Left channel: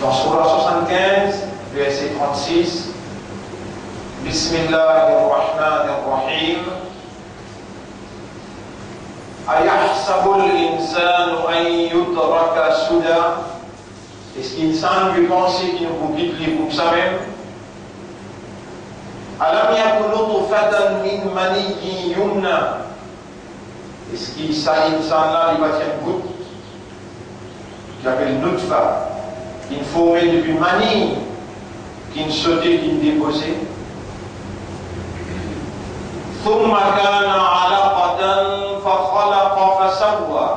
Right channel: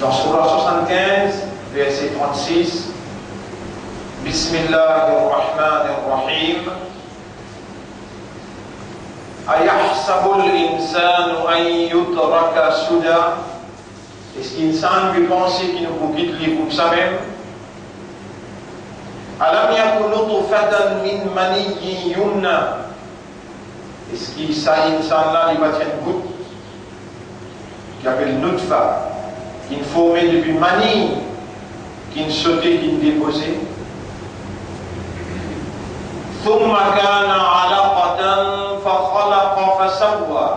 Dans Surah 75, verset 36, Bismillahirrahmanirrahim. Ayahsabul insanu an yutraka suda. Est-ce qu'insan veut penser qu'il nous quitte les pour ça même? Alam yakun nutfatan min maniyyin yumna. Est-ce qu'il ça insan là il va tirer une goutte qui appelle nutfa, qui ne formait depuis mani, qui ne sautait, qui ne déposait. ثم كان علقة فخلق فسوى.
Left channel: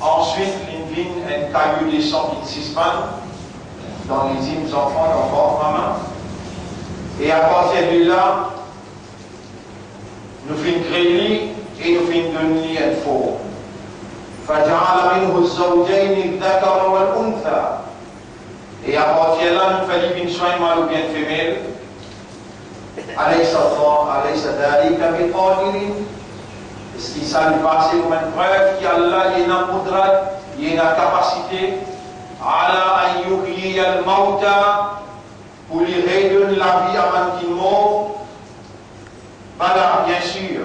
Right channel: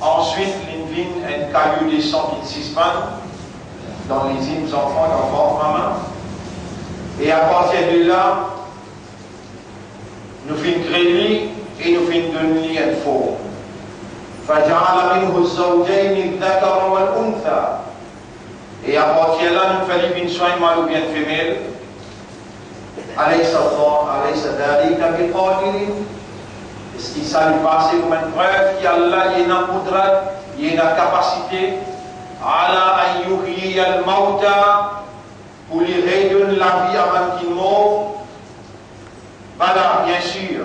Ensuite, l'invine un caillou de sang qui suspend dans les hymnes enfants d'enfants, maman. Et à partir de là, nous finissons créer et nous finissons donner un faux. فجعل منه الزوجين الذكر والأنثى. Et à partir de là, nous faisons une soin mâle ou bien femelle. أليس ذلك بقادر. Est-ce qu'il s'est passé comme une preuve qu'Allah y a une qudrat, y a une capacité على أن يحيي الموتى, pour lui redonner la vie avant qu'il meure? Voilà, bien sûr.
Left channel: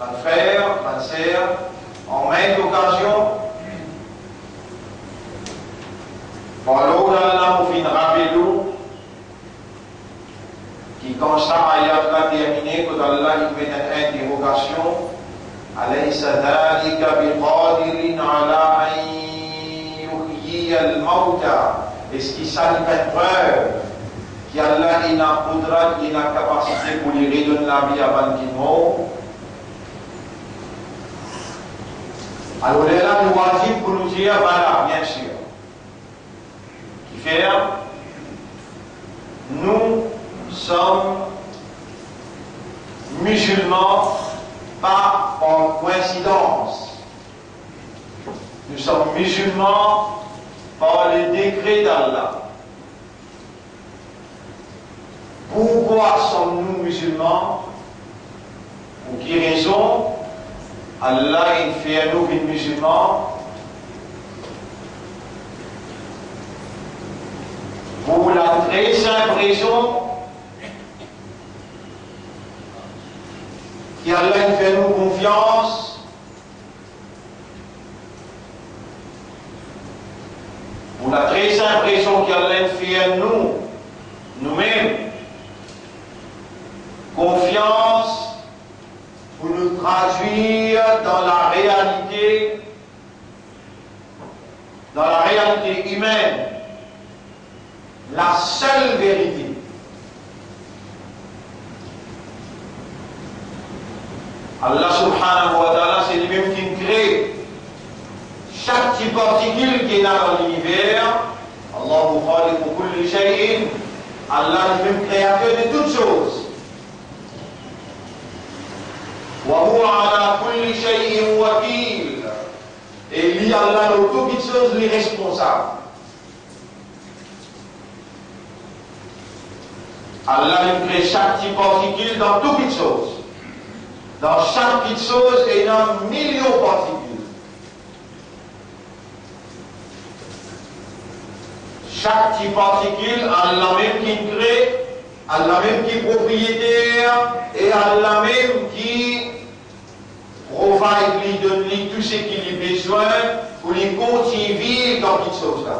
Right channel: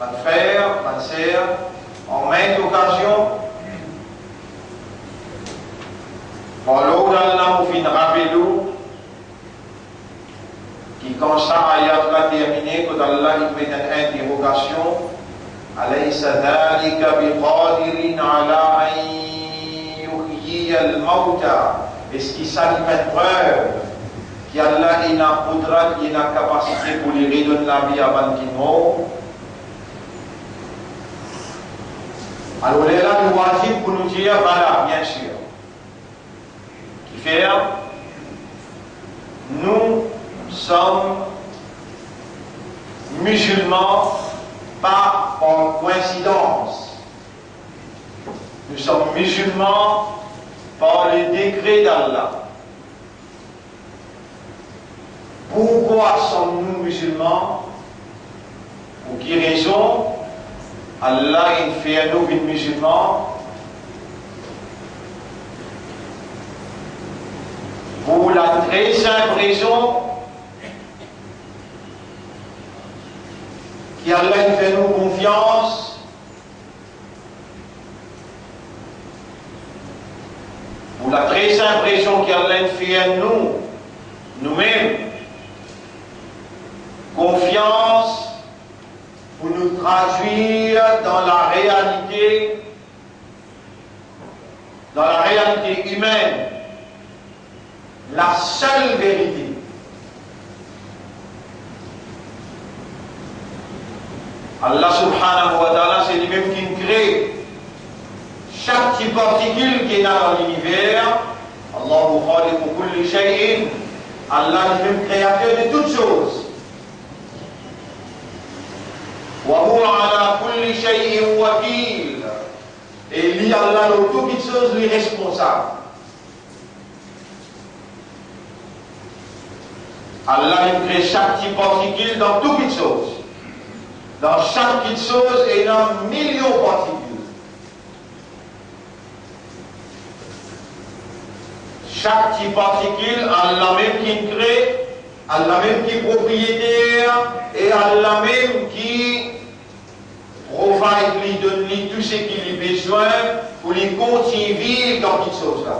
Mon frère, ma sœur, en maintes occasions, alors Allah nous fait rappeler qui, quand ça ayat va terminer, quand Allah il met une interrogation, alaysa dhalika biqadirin ala an yuhyiya al-mawta. Est-ce qu'il s'agit d'une preuve qu'Allah il a qudrat, il a capacité pour lui redonner la vie avant qu'il meure? Alors là, nous wajib pour nous dire, voilà, bien sûr. Qui fait, nous sommes musulmans, pas en coïncidence. Nous sommes musulmans par le décret d'Allah. Pourquoi sommes-nous musulmans? Pour quelle raison? Allah il fait à nous des musulmans pour la très simple raison qu'Allah il fait à nous confiance pour la très simple raison qu'Allah il fait à nous nous-mêmes confiance pour nous traduire dans la réalité humaine, la seule vérité. Allah subhanahu wa ta'ala, c'est lui-même qui crée chaque petite particule qui est dans l'univers. Allahu khaliqu kulli shay'in. Allah est lui-même créateur de toutes choses. وهو على كل شيء وكيل. Et lui, Allah, dans toutes choses, lui responsable. Allah, il crée chaque petite particule dans toutes choses. Dans chaque petite chose, il y a un million de particules. Chaque petite particule, Allah même qui crée, Allah même qui est propriétaire, et Allah même qui provide, lui donne lui tout ce qu'il a besoin pour lui continuer vivre dans toutes choses là.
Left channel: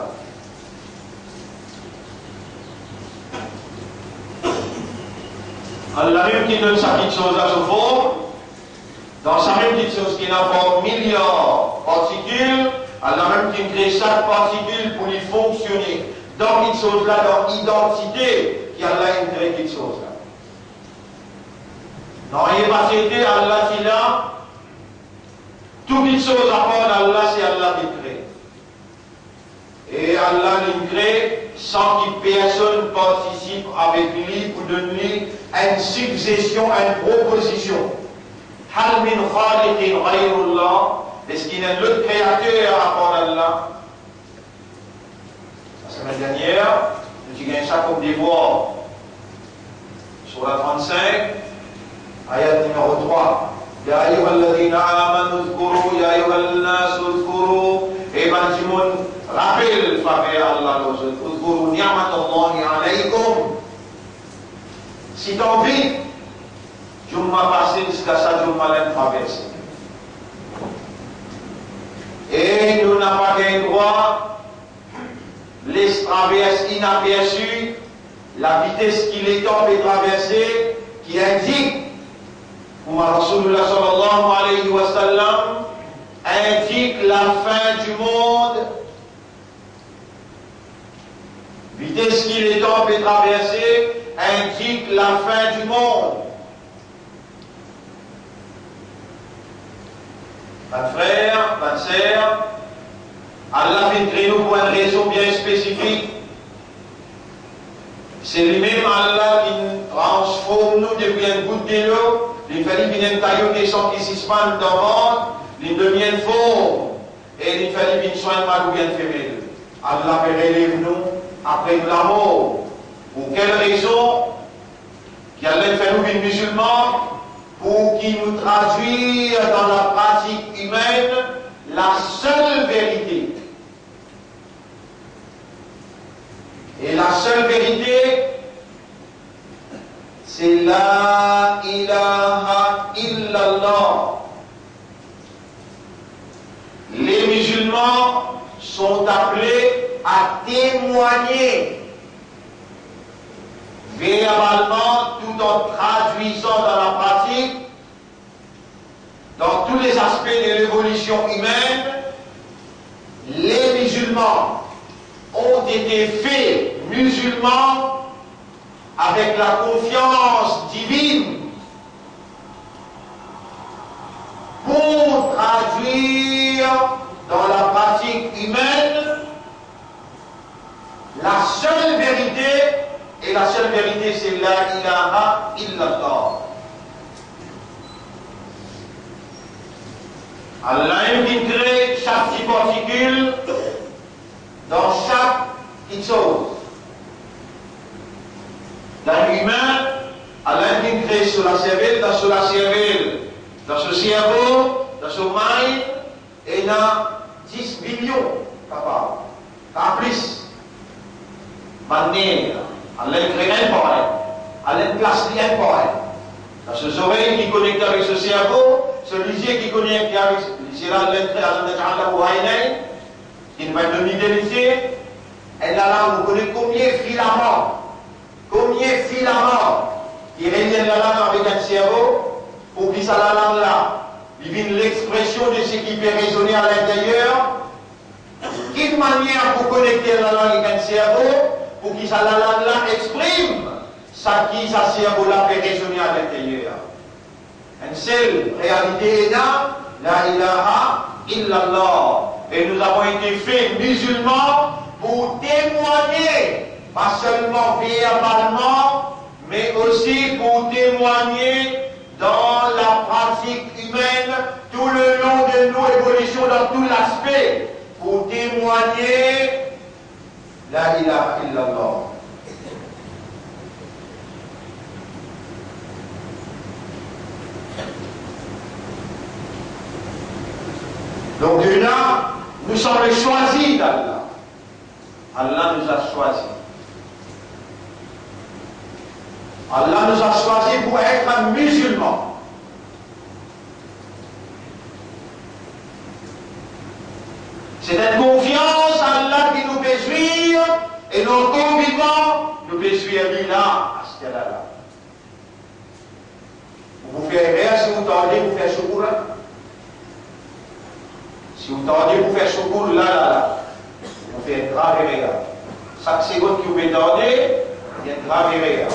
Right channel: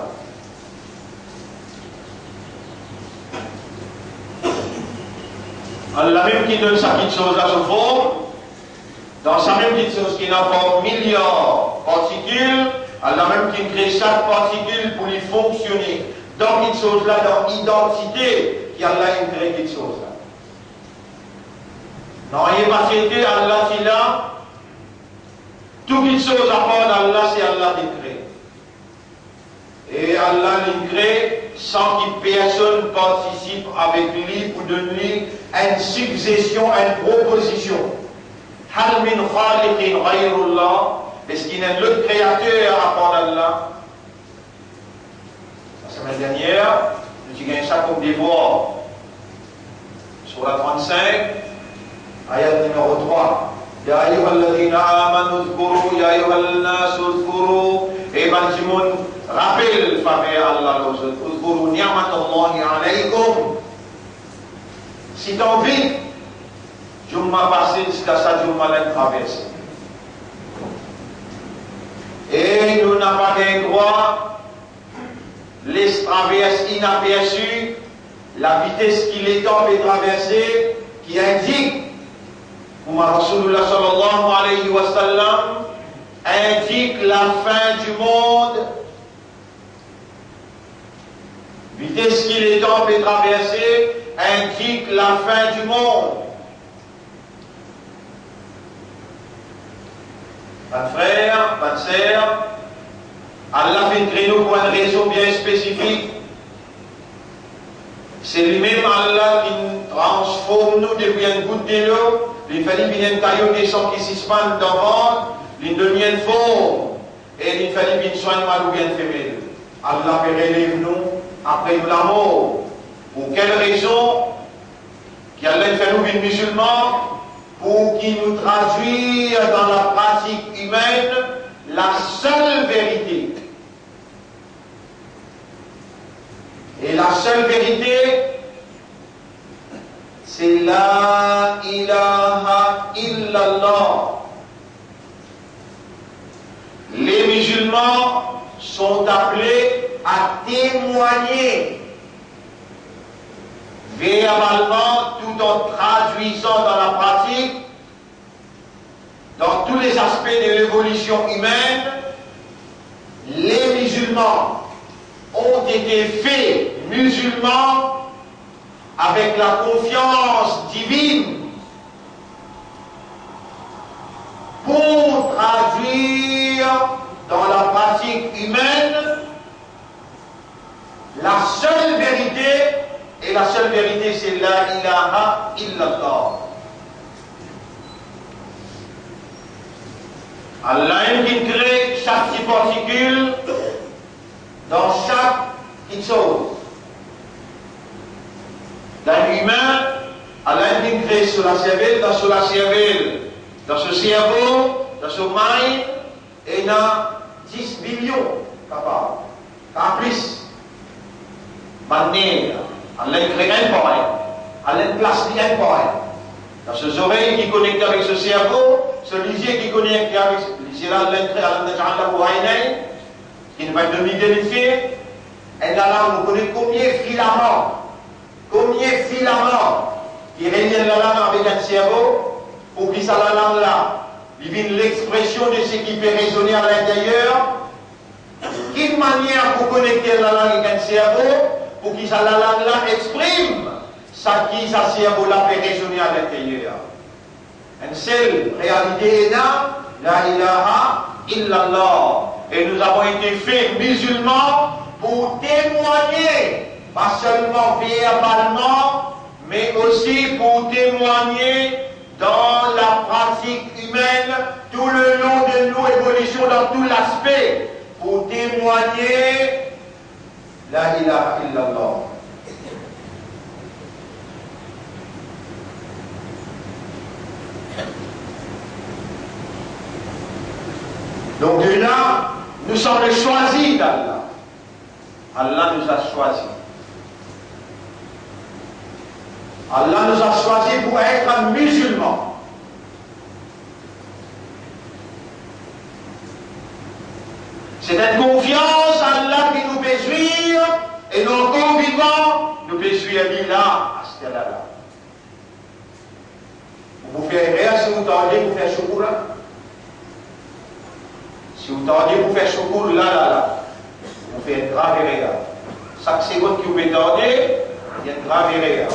Allah même qui donne sa petite chose à ce forme, dans sa même petite chose qui n'a pas milliards de particules, Allah même qui crée chaque particule pour lui fonctionner dans cette chose là, dans l'identité qu'Allah a créé cette chose là. Non, il n'est pas cité, Allah qui l'a. Toutes les choses à part d'Allah, c'est Allah qui crée. Et Allah les crée sans que personne participe avec lui pour donner une suggestion, une proposition. Hal min khaliqin ghayrullah. Est-ce qu'il y a un autre créateur à part d'Allah? La semaine dernière, nous avons gagné ça comme devoir. Sur la 35, ayat numéro 3. يا أيها الذين آمنوا اذكروا يا أيها الناس اذكروا. Et ben, tout le monde rappelle faveur Allah aux autres. Uzkuru ni'matallahi alaykum. Si tu as envie, je m'ai passé jusqu'à ça, je m'ai traversé. Et nous n'avons pas le droit les traverses inaperçues, la vitesse qu'il est temps de traverser, qui indique, comme Rasulullah sallallahu alayhi wa sallam, indique la fin du monde. Vitesse qu'il est temps de traverser indique la fin du monde. Mes frères, mes sœurs, Allah fait créer nous pour une raison bien spécifique. C'est lui-même Allah qui transforme nous depuis une goutte de l'eau. Il fallait qu'il y ait un caillou qui sont qui s'expande dans le ventre, il devient une forme. Et il fallait qu'il soit un mâle ou bien femelle. Allah peut relève nous après la mort. Pour quelle raison? Qu'il Allah fait nous des musulmans pour qu'il nous traduise dans la pratique humaine la seule vérité. Et la seule vérité, c'est la ilaha illallah. Les musulmans sont appelés à témoigner verbalement tout en traduisant dans la pratique, dans tous les aspects de l'évolution humaine. Les musulmans ont été faits musulmans avec la confiance divine pour traduire dans la pratique humaine la seule vérité, et la seule vérité c'est la ilaha illallah. Allah crée chaque petite particule dans chaque petite chose. L'être humain, Allah crée sur la cervelle, dans ce cerveau, dans ce mind, et dans 10 millions capables. En plus, manière, Allah crée un par un, Allah place un par un. Dans ses oreilles qui connectent avec ce cerveau, ce lisier qui connecte avec lisier là, qui va être demi-délifié, et là, vous connaissez combien de filaments qui reliennent la langue avec un cerveau, pour qu'il ça la langue là, il vient l'expression de ce qui peut résonner à l'intérieur. Quelle manière pour connecter la langue avec un cerveau, pour qu'il ça la langue là exprime ça qui sa cerveau là peut résonner à l'intérieur. Une seule réalité est là, la ilaha illallah. Et nous avons été faits musulmans pour témoigner, pas seulement verbalement, mais aussi pour témoigner dans la pratique humaine, tout le long de nos évolutions, dans tout l'aspect, pour témoigner la ilaha illallah. Donc là, nous sommes les choisis d'Allah. Allah nous a choisis. Allah nous a choisis pour être musulmans. C'est une confiance en Allah qui nous fait suivre, et nos convivants nous fait suivre là, à ce là. Vous faites rien si vous tendez, vous faites secours là. Si vous tendez, vous faites secours là. Vous faites grave rien. Chaque seconde que vous tendez, il y a grave rien.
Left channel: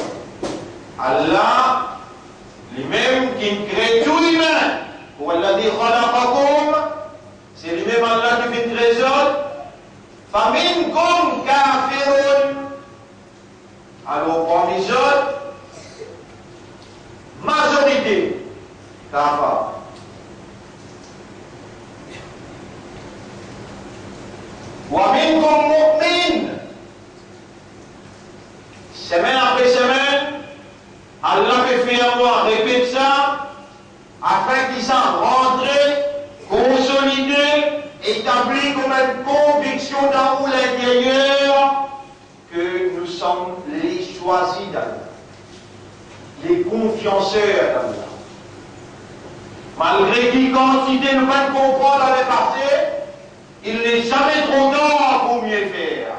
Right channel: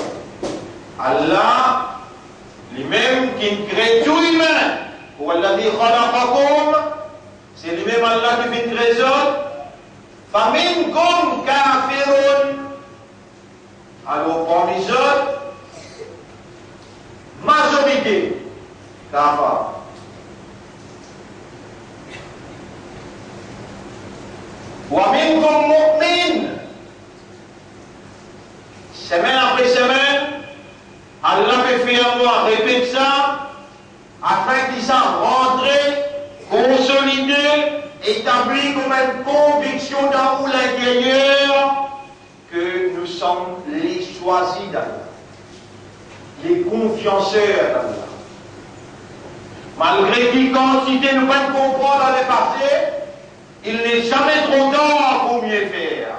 Allah, lui-même qui crée tout humain, pour Allah dit khalaqakum, c'est lui-même Allah qui fait trésor. Faminkum kafirun. Alors parmi les autres, majorité kafir. Wa minkum mu'min. Semaine après semaine, Allah fait faire moi, répète ça, afin qu'ils s'en rentrent, consolider, établir pris comme une conviction dans l'intérieur que nous sommes les choisis d'Allah, les confianceurs d'Allah. Malgré qu'il quantité nous va comprendre dans le passé, il n'est jamais trop tard pour mieux faire.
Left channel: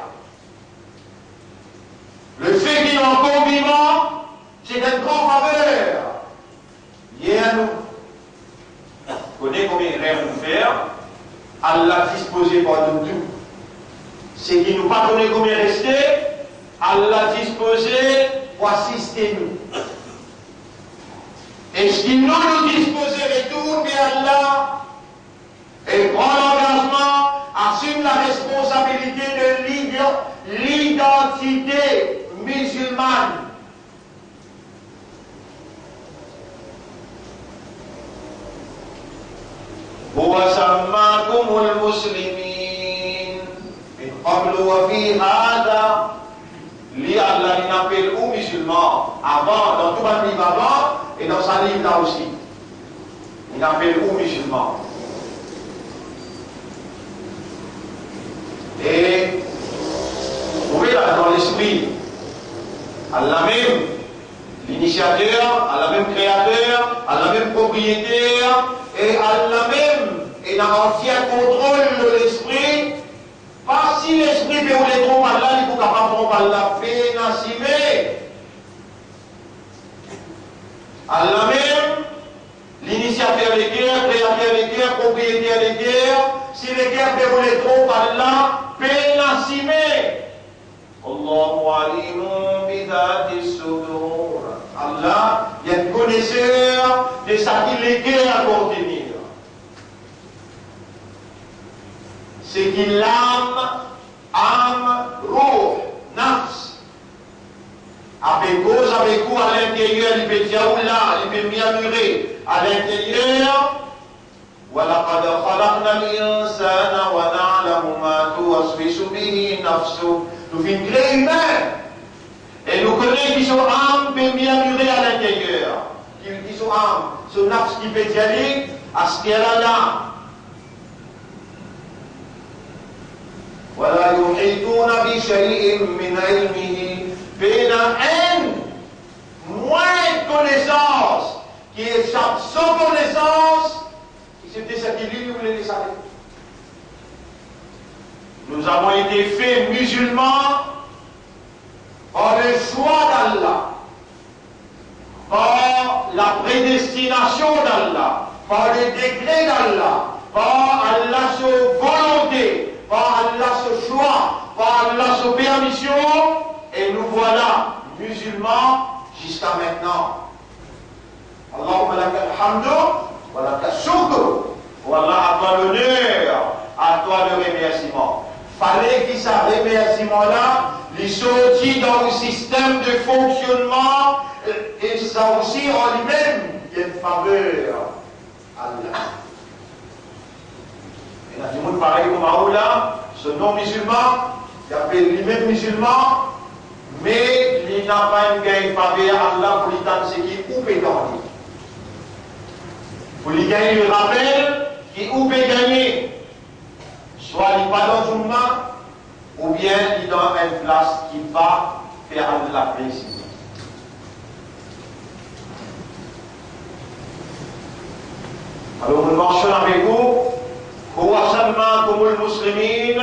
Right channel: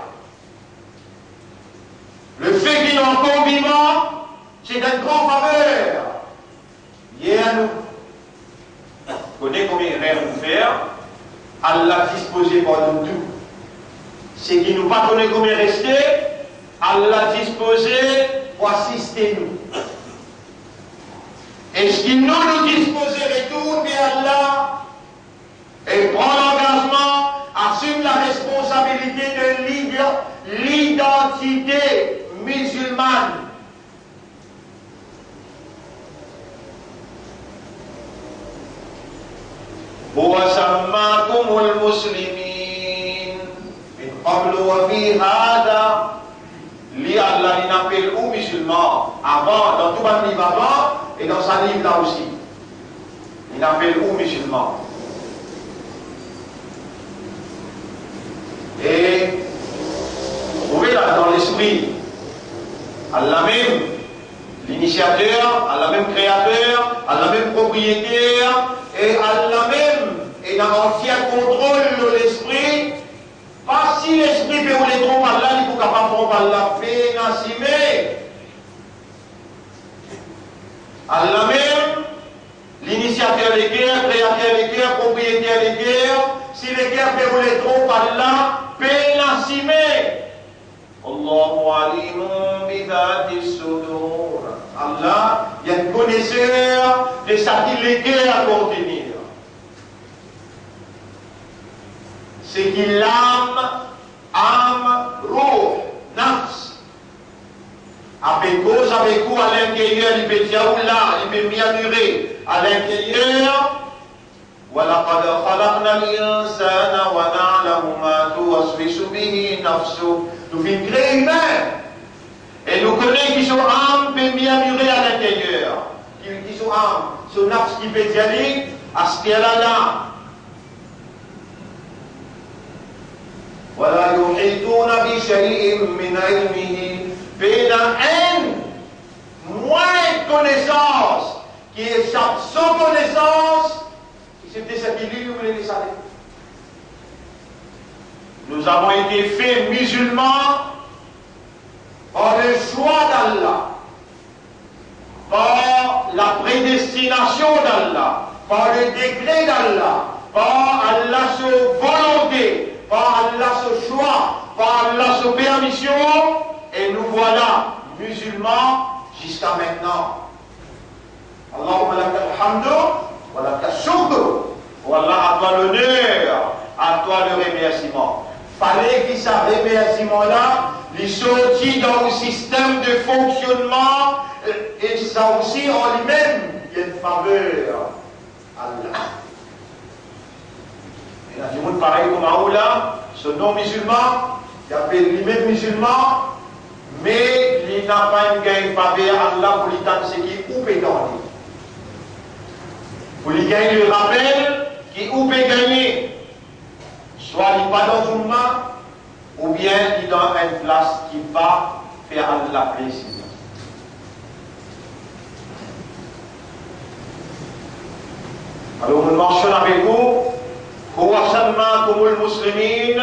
Le fait qu'il y ait un conviment, c'est d'une grande faveur. Hier, nous connaissons combien il rêve nous faire. Allah disposé pour nous tout. C'est qu'il nous pas connaît combien rester. Allah disposé pour assister nous. Et ce qu'il nous dispose retourne vers Allah et prend l'engagement, assume la responsabilité de l'identité musulmane. وسماكم المسلمين من قبل وفي هذا li Allah il appelle aux musulmans avant, dans tout le livre avant et dans sa livre là aussi. Il appelle aux musulmans. Et vous trouvez là dans l'esprit, Allah même, l'initiateur, Allah même créateur, Allah même propriétaire, et Allah même est dans entier contrôle de l'esprit. Pas si l'esprit peut les tromper Allah, il faut capable de tromper Allah, pénacimé. Allah même, l'initiateur des guerres, créateur des guerres, propriétaire des guerres, si les guerres peuvent les tromper Allah, pénacimé. Allahu alimun bidhati sudur. Allah, il y a un connaisseur de ce qu'il les guerres à contenir. C'est qu'il âme, roh, nafs. Avec cause, avec vous, à l'intérieur, il peut dire là, il peut murmurer à l'intérieur. وَلَقَدْ خَلَقْنَا الْإِنسَانَ وَنَعْلَمُ مَا تُوَسْوِسُ بِهِ نَفْسُهُ. Nous sommes créés humains. Et nous connaissons qui sont âmes peut murmurer à l'intérieur. Qui sont âmes, sont nafs qui peut dire à ce qu'elle a là. ولا يحيطون بشيء من علمه بين moins de connaissances qui échappe sans connaissance qui se déshabille ou les laisser. Nous avons été faits musulmans par le choix d'Allah, par la prédestination d'Allah, par le décret d'Allah, par Allah's volonté, par Allah's choix, par Allah's permission, et nous voilà musulmans jusqu'à maintenant. Allahumma lakal hamdu wa lakal shukr. Voilà, à toi l'honneur, à toi le remerciement. Fallait qu'il ça remerciement-là, il sortit dans le système de fonctionnement, et ça aussi en lui-même, il y a une faveur. Allah. Il y a du monde pareil comme Aoula, ce non-musulman, il appelle lui-même musulman, mais il n'a pas une gagne faveur à Allah pour lui tendre ce qui est ou peut gagner. Pour lui gagner le rappel qui ou peut gagner. Soit il n'est pas dans une main, ou bien il est dans une place qui va faire Allah plaisir. Alors nous marchons avec vous. هو سماكم المسلمين.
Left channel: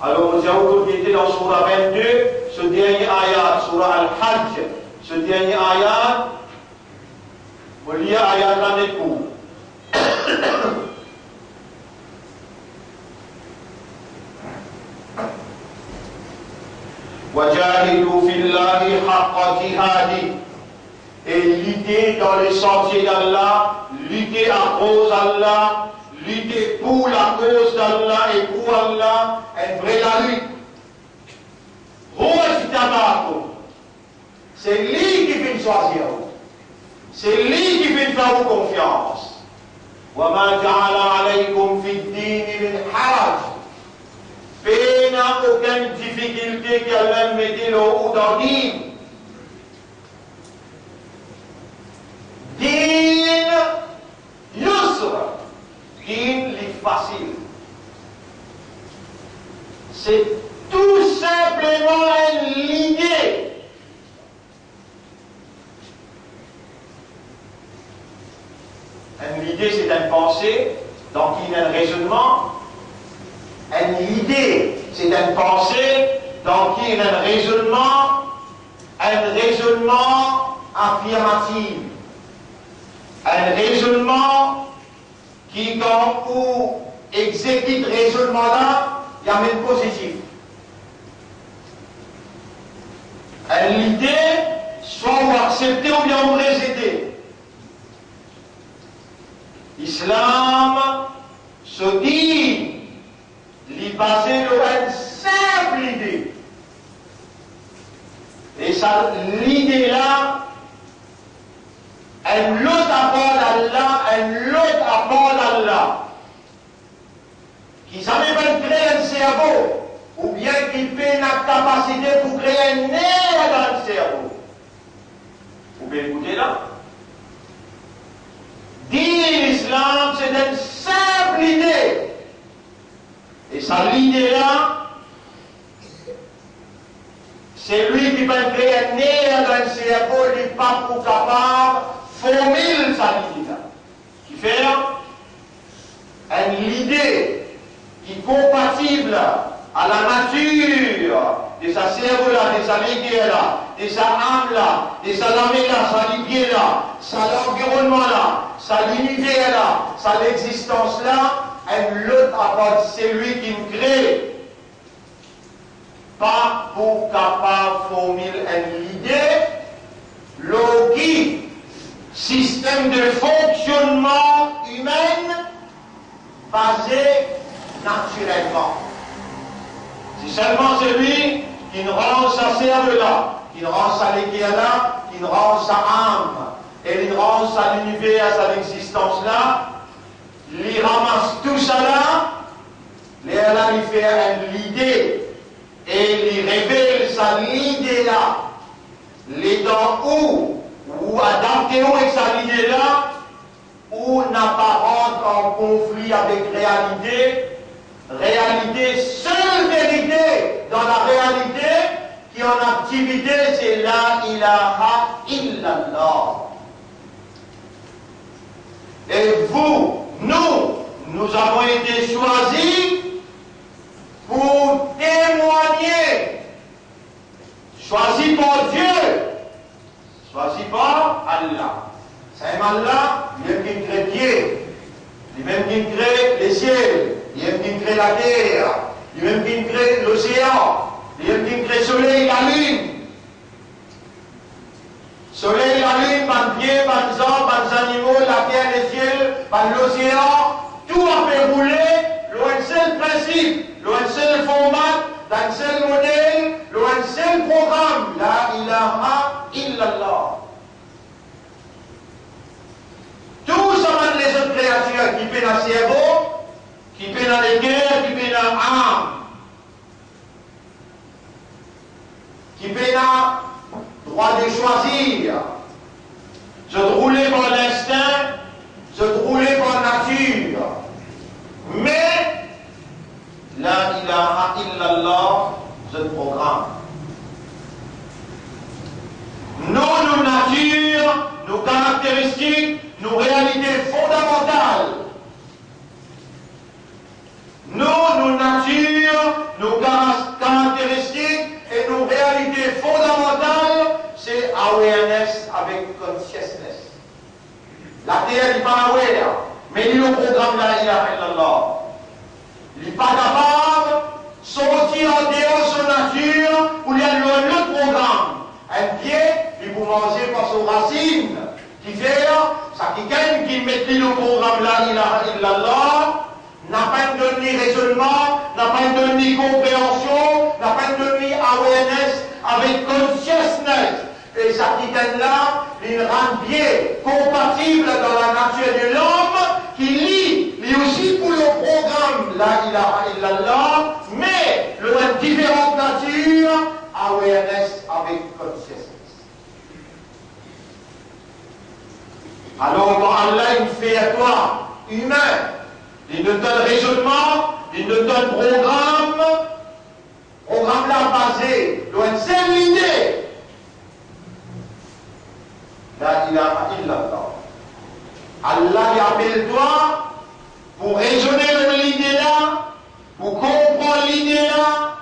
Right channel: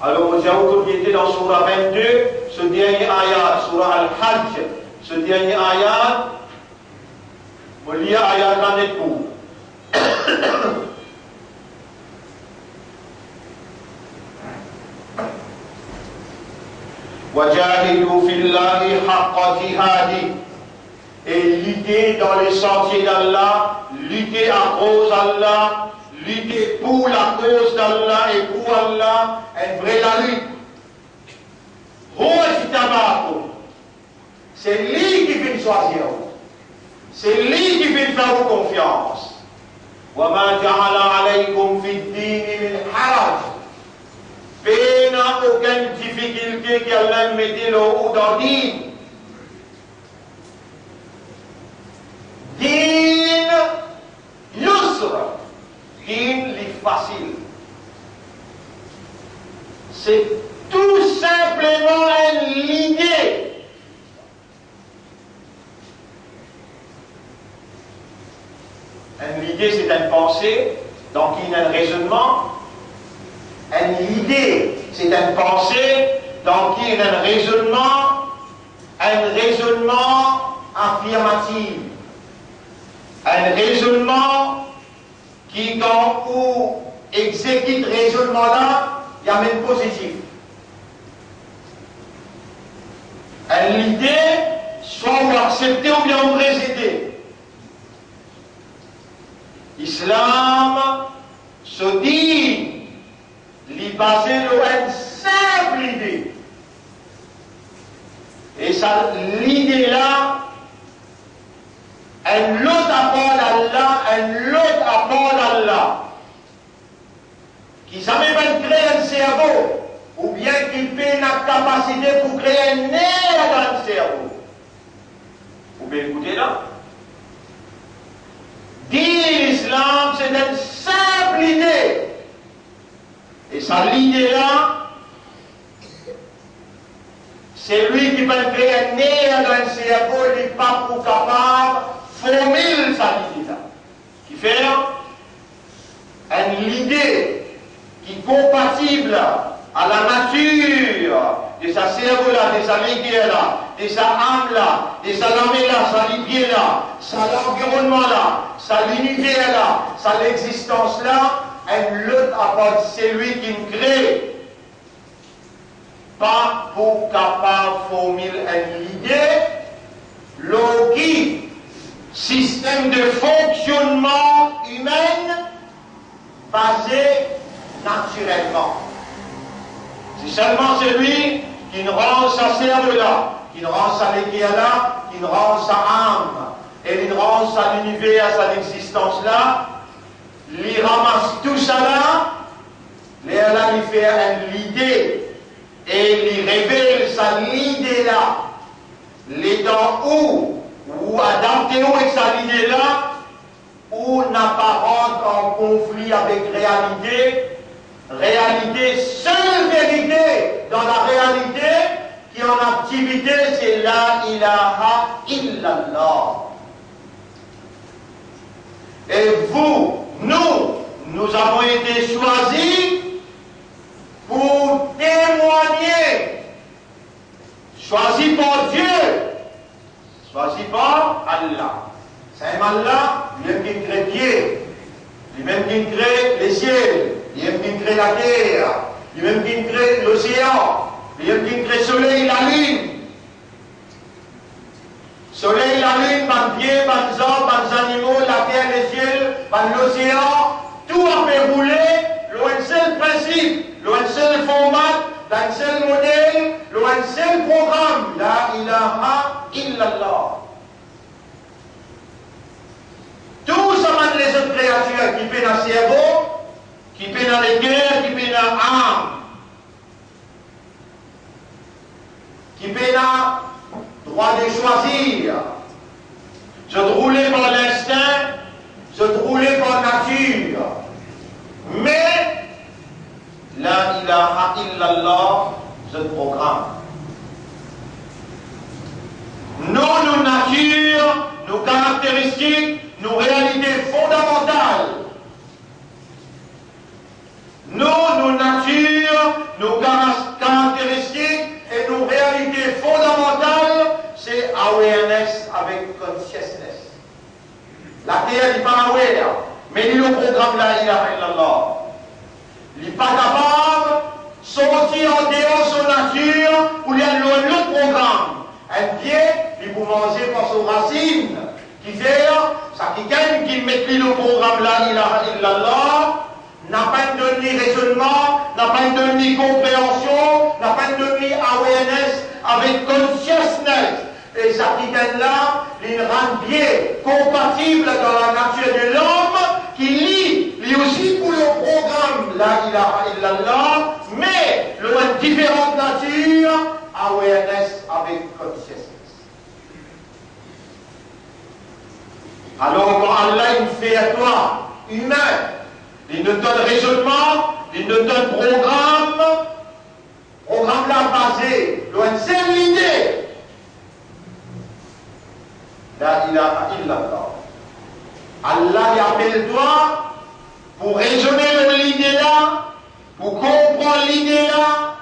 Alors nous avons été dans Surah 22, ce dernier ayat, Surah Al-Hajj, ce dernier ayat, vous lisez ayat l'année de cours. وَجَاهِدُوا فِي اللَّهِ حَقَّ جِهَادِهِ. Et lutter dans les sentiers d'Allah, lutter à cause d'Allah, lutter pour la cause d'Allah et pour Allah, une vraie la lutte. C'est lui qui vient choisir. C'est lui qui vient faire vous confiance. وَمَا جَعَلَ عَلَيْكُمْ فِي الدِّينِ مِنْ حَرَجٍ. Il n'y a aucune difficulté qu'Allah mette au dans le dîn. Dîn yusra. Dîn li facile. c'est tout simplement une idée. Une idée, c'est une pensée, donc il y a un raisonnement. Une idée, c'est une pensée, donc il y a un raisonnement affirmatif. Un raisonnement qui, quand on exécute le raisonnement là, il y a même positif. L'idée, soit on va accepter ou bien on va résider. L'islam se dit, il est basé sur une simple idée. Et ça, l'idée là, un autre apport d'Allah, un autre apport d'Allah, qui savait même créer un cerveau, ou bien qu'il fait une capacité pour créer un nerf dans le cerveau. Vous pouvez écouter là? Dire l'islam, c'est une simple idée. Et ça, l'idée là, c'est lui qui va créer un nerf dans le cerveau, il n'est pas pour capable formuler sa idée là. Qui fait une idée qui est compatible à la nature de sa cerveau là, de sa ligue là, de sa âme là, de sa lamée là, sa ligue là, sa l'environnement là, sa l'unité là, sa l'existence là, un autre apport, c'est lui qui nous crée. Pas pour capable de formuler une idée, logique, système de fonctionnement humain basé naturellement. C'est seulement celui qui nous rend sa cerveau là, qui nous rend sa léguère là, qui nous rend sa âme, et qui nous rend sa l'univers, sa existence là, il ramasse tout ça là, il fait une idée, et il révèle sa idée là, les temps où adapté avec sa idée là, où n'a pas rentre en conflit avec réalité, seule vérité dans la réalité qui en activité, c'est la ilaha illallah. Et vous, nous avons été choisis pour témoigner, choisis par Dieu, choisis par Allah. C'est Allah, lui-même qui crée Dieu, lui-même qui crée les ciels, lui-même qui crée la terre, lui-même qui crée l'océan, lui-même qui crée le soleil, la lune. Soleil, la lune, ban pied, ban hommes, ban animaux, la terre, les ciels, ban l'océan, tout a fait rouler, un seul principe, un seul format, un seul modèle, un seul programme, la ilaha illallah. Tout ça, les autres créatures qui paient dans le cerveau, qui paient dans les cœurs, qui paient dans l'âme, qui paient dans le droit de choisir. Je te roulais par l'instinct, je te roulais par nature. Mais, la ilaha illallah, je te programme. Nos natures, nos caractéristiques, nos réalités fondamentales. Nos natures, nos caractéristiques et nos réalités fondamentales, c'est awareness avec consciousness. La terre n'est pas aware, mais il est au programme de la ilaha illallah. Il n'est pas capable de sortir en dehors de son nature pour lui aller un autre programme. Un pied, il peut manger par son racine, qui fait, ça qui gagne, qui met le programme la ilaha illallah, n'a pas donné raisonnement, n'a pas donné compréhension, n'a pas donné awareness avec consciousness. Et ça qui gagne là, il rend bien compatible dans la nature de l'homme, qui lit, lui aussi pour le programme la ilaha illallah, mais le différentes natures, awareness avec consciousness. Alors quand Allah il fait à toi, humain, il nous donne raisonnement, il nous donne programme, illallah. Allah y appelle toi pour raisonner l'idée là, pour comprendre l'idée là,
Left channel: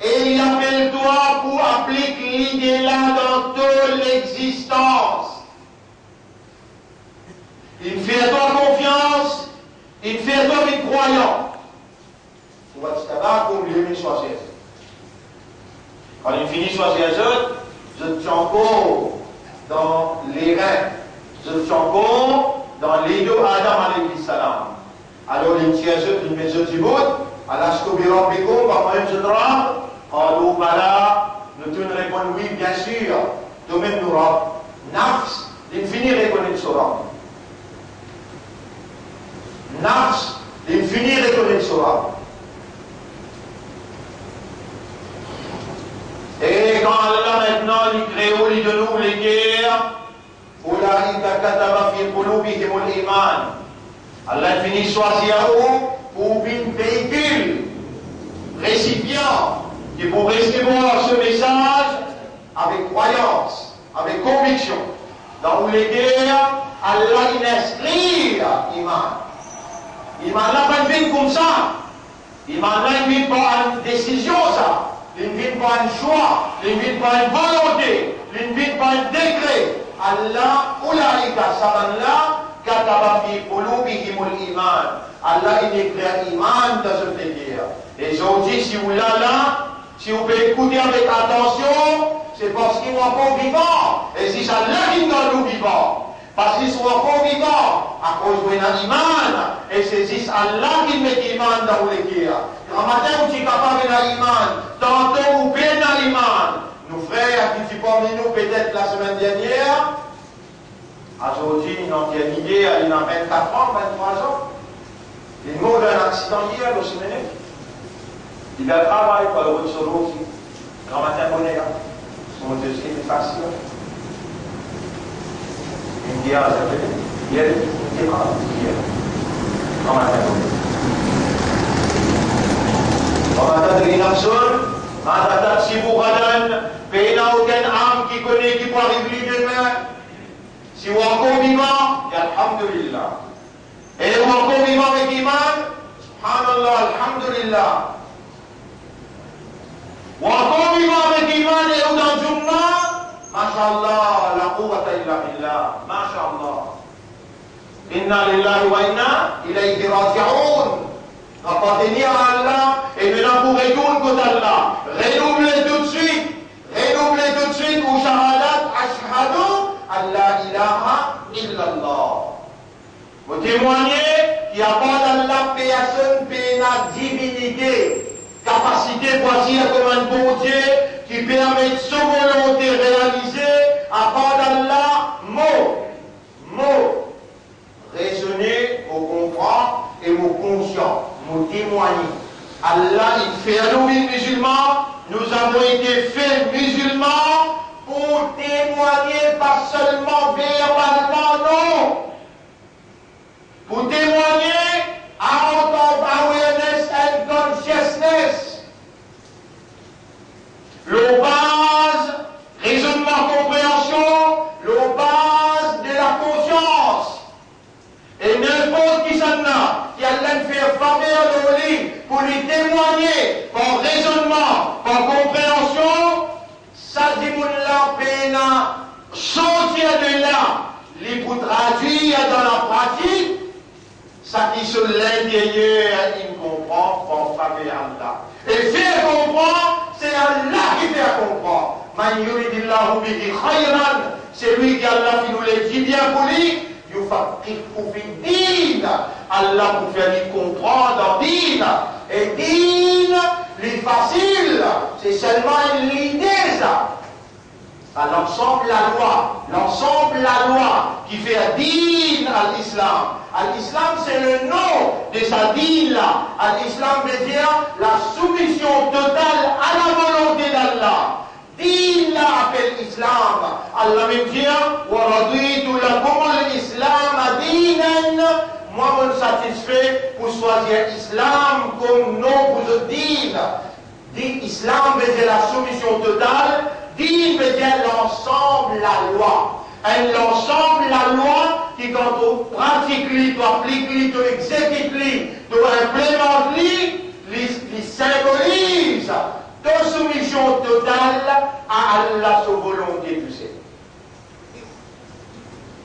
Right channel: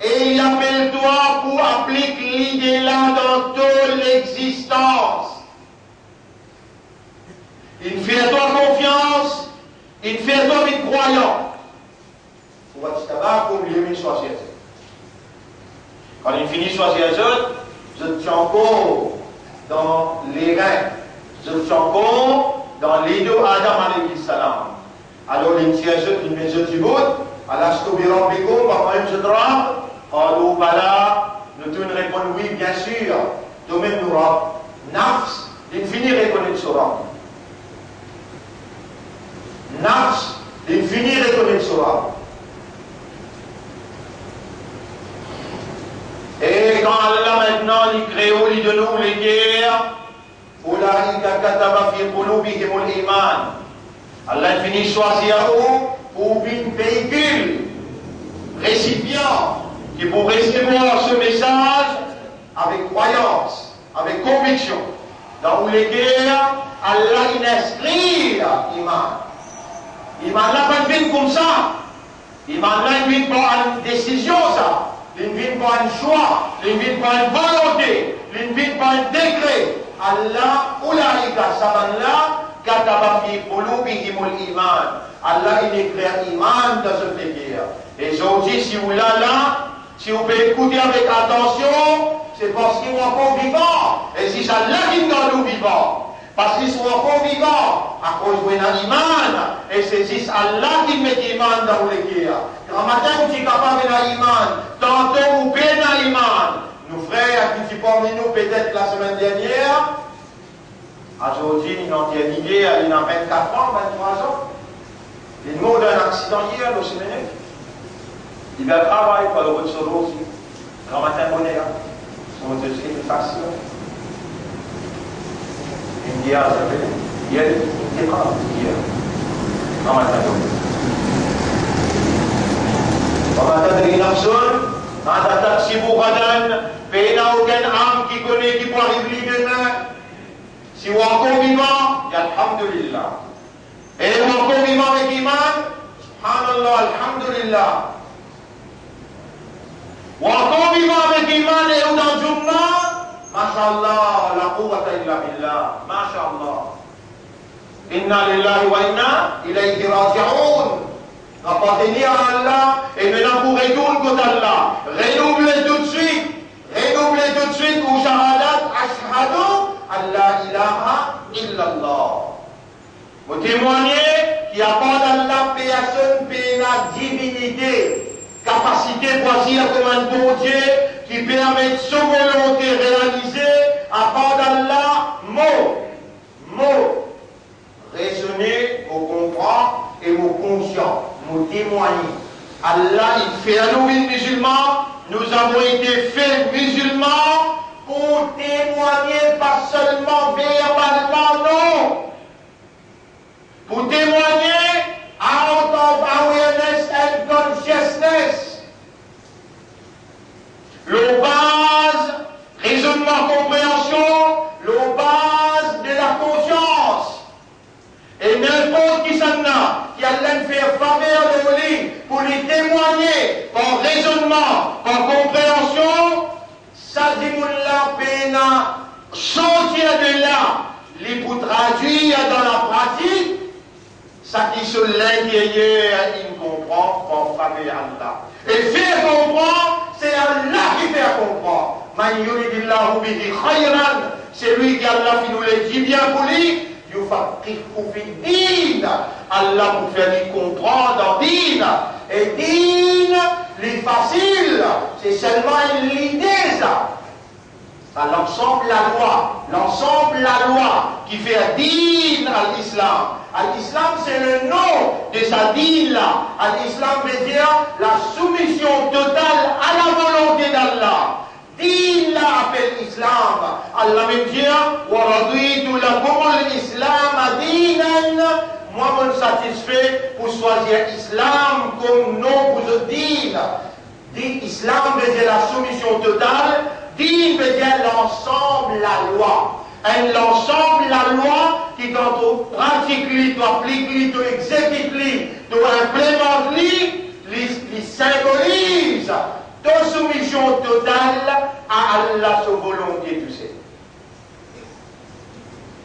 et il appelle toi pour appliquer l'idée là dans toute l'existence. Il fait toi confiance, il fait toi une croyance. Tu vois, tu t'as comme il est choisir. Quand il finit choisir les autres, je suis encore dans les reins, je suis encore dans les deux Adam alayhi salam. Alors il tient une maison du monde, Allah se couvre Biko, par même je tremble, alors voilà, nous tous répondons oui, bien sûr, toi-même nous rend. Nafs, l'infini reconnaît ce rang. Nafs, l'infini reconnaît ce rang. Et quand Allah maintenant, il crée il de nous les guerres, Allah finit choisir pour un véhicule, récipient, qui pour recevoir ce message avec croyance, avec conviction. Dans les guerres, Allah il inscrit Iman. Iman là pas une comme ça. Iman là il vient pas une décision ça. Il ne vient pas un choix, il ne vient pas une volonté, il ne vient pas un décret. Allah, Oulaïka Sabanla, Kataba fi qulubihimul iman. Allah, il éclaire iman dans ce figure. Et aujourd'hui, si vous l'avez là, si vous pouvez écouter avec attention, c'est parce qu'ils sont encore vivants. Et si ça l'a dans nous vivants, parce qu'ils sont encore vivants, à cause de l'iman, et c'est juste Allah qui met l'iman dans les guerres. Un matin, vous êtes capable de l'iman, tantôt vous payez l'iman. Nos frères qui sont parmi nous peut-être la semaine dernière, aujourd'hui, ils ont une idée, il a 24 ans, 23 ans. Il est mort d'un accident hier, le semaine. Il a travaillé pour le retour aussi. Un matin, on est là. Son deuxième est facile. Il me dit, ah, ça fait. Hier, il est grave. Hier. Un matin, on est là. Un matin, il y a une personne. Un taxi pour Radan. Mais il n'y a aucune âme qui connaît, qui peut arriver demain. Si vous êtes encore vivant, alhamdulillah. Et vous êtes encore vivant avec Iman, subhanallah, alhamdulillah. Vous êtes encore vivant avec Iman et vous dans Jumma, mashallah, la quwwata illa billah, mashallah. Inna lillahi wa inna ilayhi raji'un. Appartenir à Allah et maintenant vous retournez contre Allah. Renouvelez tout de suite. Renouvelez tout de suite ou shahadat ashhadu Allah ilaha illallah. Vous témoignez qu'il n'y a pas dans la personne qui a la divinité, capacité pour agir comme un bon Dieu qui permet de sa volonté réaliser à part d'Allah, mot. Raisonner, vous comprendre et vous conscient, vous témoigner. Allah, il fait à nous musulmans, nous avons été faits musulmans pour témoigner, pas seulement verbalement, non. Pour témoigner out of awareness and consciousness. Le base, raisonnement, compréhension, le base de la conscience. Et n'importe qui s'en a, qui a fait faveur de lui pour lui témoigner par raisonnement, par compréhension, Sadimullah Pena sortir de là, les pour traduire dans la pratique, ça qui sur l'intérieur, il comprend par faveur Allah. Et faire comprendre, c'est Allah qui fait comprendre. Man yuridillahu bihi khayran, c'est lui qui Allah qui nous le dit bien pour lui. Allah pour faire lui comprendre dans din. Et din, les facile, c'est seulement une idée ça. L'ensemble la loi qui fait din à l'islam. À l'islam, c'est le nom de sa din là. À l'islam veut dire la soumission totale à la volonté d'Allah. Din là appelle islam. Allah veut dire wa raditu lakum al-islam dinan. Moi, je me satisfais pour choisir islam comme nom pour ce din. Islam veut dire la soumission totale. Din veut dire l'ensemble, la loi. l'ensemble, la loi, qui quand on pratique, on applique, on exécute, on implémente, il symbolise de soumission totale à Allah, sa volonté, tout ça.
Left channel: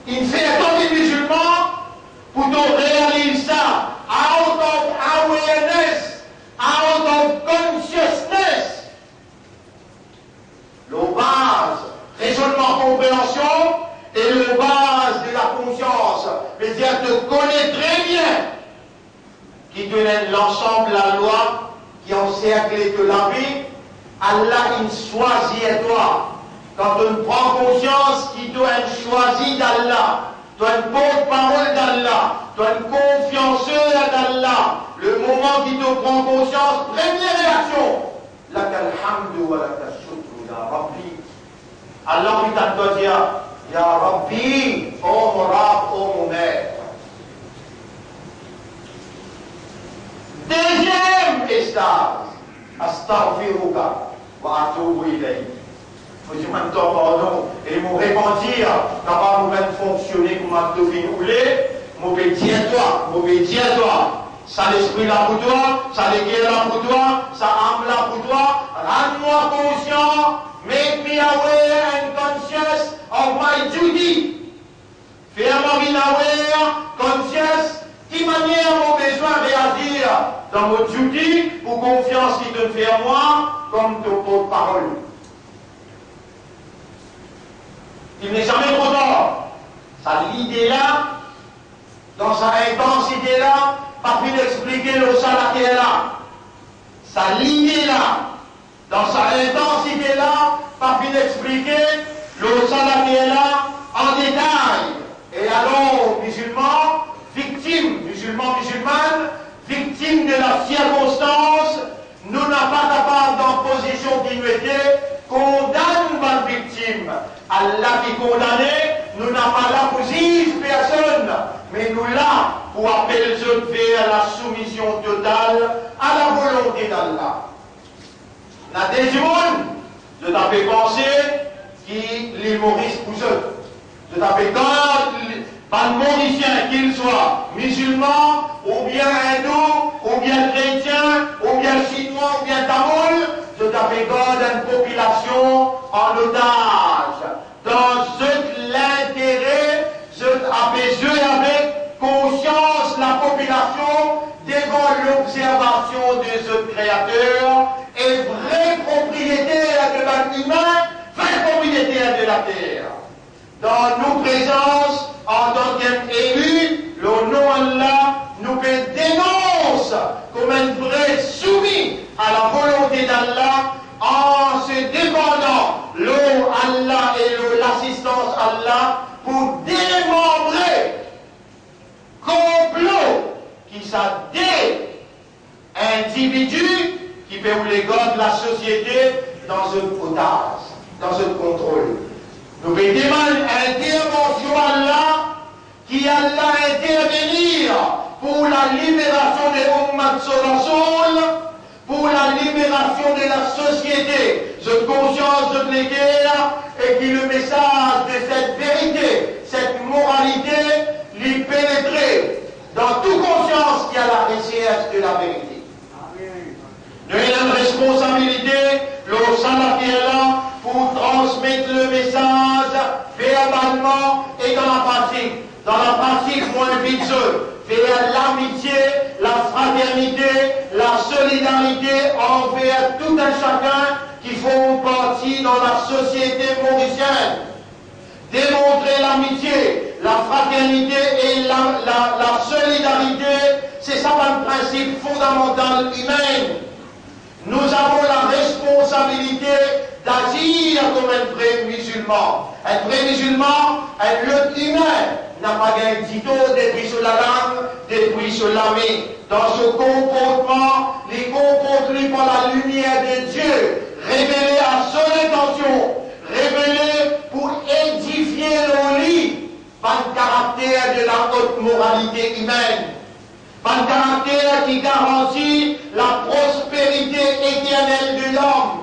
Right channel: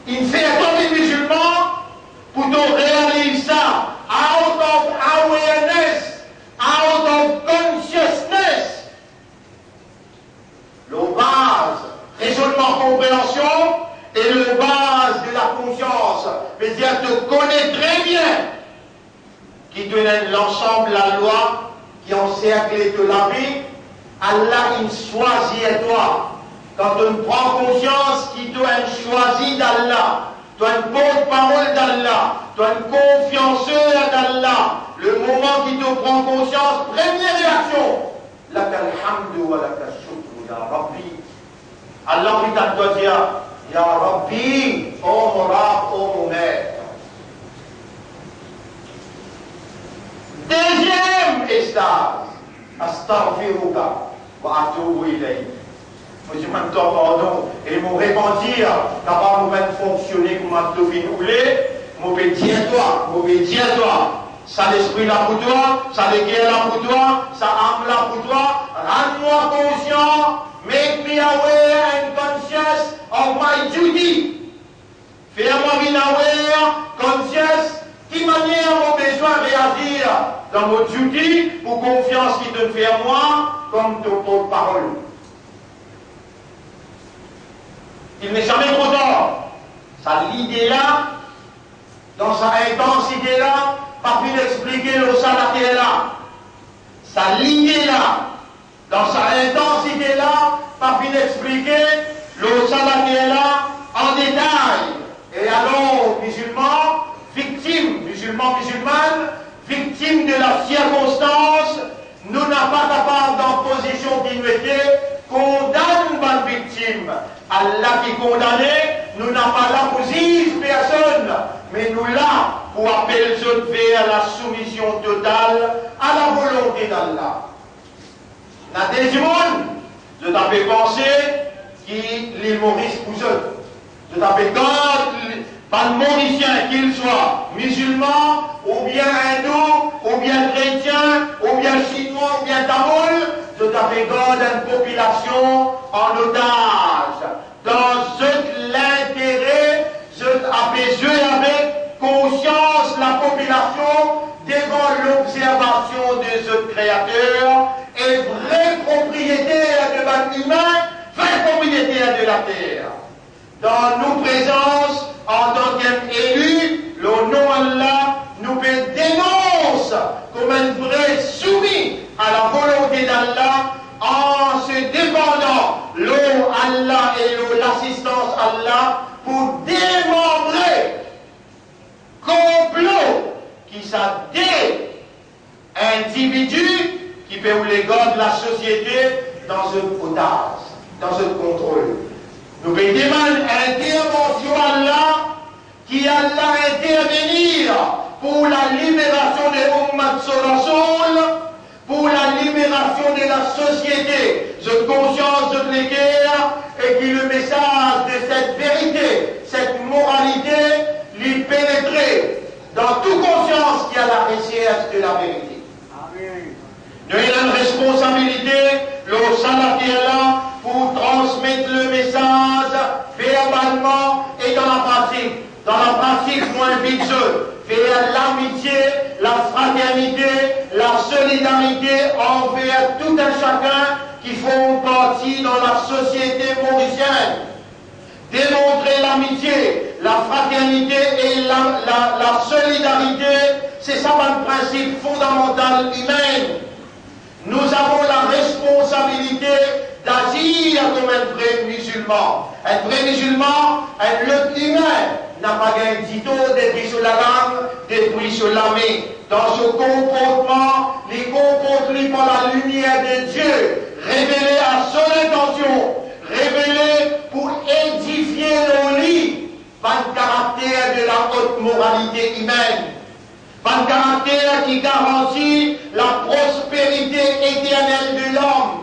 Il fait comme les musulmans pour réaliser ça out of awareness, out of consciousness. Le base, raisonnement, compréhension et le base de la conscience. C'est-à-dire te connais très bien qui te donne l'ensemble, la loi qui encercle de la vie. Allah, il choisit à toi. Quand on prend conscience qu'il doit être choisi d'Allah, tu as une porte-parole d'Allah, tu as une confianceur d'Allah, le moment qu'il te prend conscience, première réaction, lakal hamdu wa lakal shukru ya Rabbi. Allah lui doit dire, ya Rabbi, oh mon Rab, oh mon maître. Deuxième étage, astaghfiruka wa atubu ilayk. Monsieur Mantor, pardon, et mon repentir, d'abord nous allons fonctionner comme un devine roulé, mauvais tiens-toi, ça l'esprit là pour toi, ça l'éguerre là pour toi, ça âme là pour toi, rends-moi conscient, make me aware and conscious of my duty. Fais-moi bien aware, conscious, qui manière mon besoin de réagir dans mon duty, pour confiance qui te fait à moi, comme ton porte-parole. Il n'est jamais trop tard. Sa l'idée là, dans sa intensité là, pas pu expliquer le salat qui est là. Sa l'idée là, dans sa intensité là, pas pu expliquer le salat qui est là en détail. Et alors, musulmans, musulmanes, victimes de la circonstance, nous n'avons pas capable d'en position d'ignorité, condamne ma victime. Allah qui condamné, nous n'avons pas là pour juger personne, mais nous là pour appeler les autres vers la soumission totale à la volonté d'Allah. La deuxième monde, je t'avais pensé qu'il est Maurice pour eux. Je t'avais pas de Mauricien, qu'il soit musulman, ou bien hindou, ou bien chrétien, ou bien chinois, ou bien tamoul, je t'avais une population en otage. Dans l'intérêt, je t'avais avec conscience la population devant l'observation des autres créateurs et vrai propriétaire de l'être humain, vrai propriétaire de la terre. Dans nos présences, en tant qu'élus, le nom Allah nous dénonce comme un vrai soumis à la volonté d'Allah en se dépendant l'eau Allah et l'assistance Allah pour démembrer complot qui sont des individus qui peuvent les gars de la société dans un otage, dans un contrôle. Nous demandons intervention Allah, qui Allah intervenir pour la libération des Ummat Rasoul, pour la libération de la société, cette conscience de l'équerre, et qui le message de cette vérité, cette moralité, lui pénétrer dans toute conscience qui a la recherche de la vérité. Nous avons une responsabilité, le salat qui est là, pour transmettre le message verbalement et dans la pratique. Dans la pratique, moins vite, faire l'amitié, la fraternité, la solidarité envers tout un chacun qui font partie dans la société mauricienne. Démontrer l'amitié, la fraternité et la solidarité, c'est ça un principe fondamental humain. Nous avons la responsabilité d'agir comme un vrai musulman. Un vrai musulman, un être humain, n'a pas un dito depuis sur la langue, depuis sur la main. Dans ce comportement, il comporte par la lumière de Dieu, révélé à son intention, révélé pour édifier nos lits, par le caractère de la haute moralité humaine. Par le caractère qui garantit la prospérité éternelle de l'homme.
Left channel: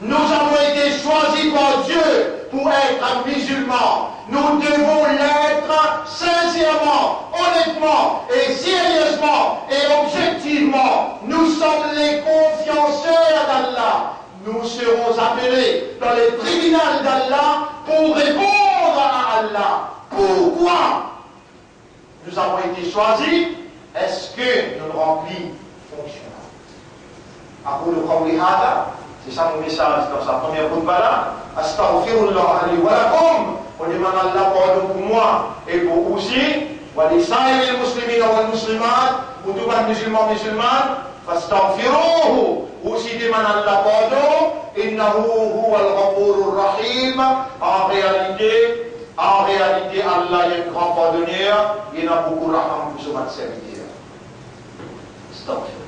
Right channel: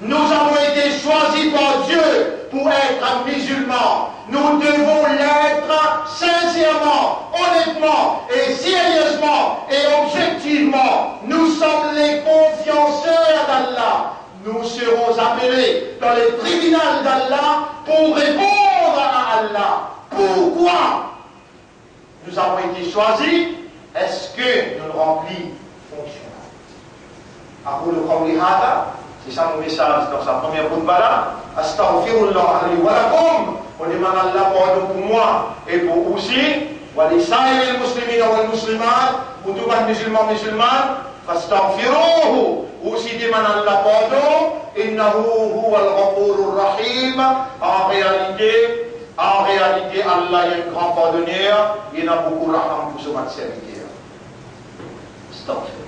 Nous avons été choisis par Dieu pour être musulmans. Nous devons l'être sincèrement, honnêtement et sérieusement et objectivement. Nous sommes les confianceurs d'Allah. Nous serons appelés dans les tribunaux d'Allah pour répondre à Allah. Pourquoi nous avons été choisis? Est-ce que nous remplissons fonction? أقول قولي هذا, c'est ça mon message dans sa première khutbah là. Astaghfirullah li wa lakum. On demande Allah pardon pour moi et pour vous aussi. Wa li sa'il muslimina wal muslimat, pour tous les musulmans musulmanes. Fastaghfiruhu. Aussi demande Allah pardon. Innahu huwal ghafurur rahim. En réalité, Allah est un grand pardonneur. Il y a beaucoup de raham pour ce serviteur. Astaghfirullah.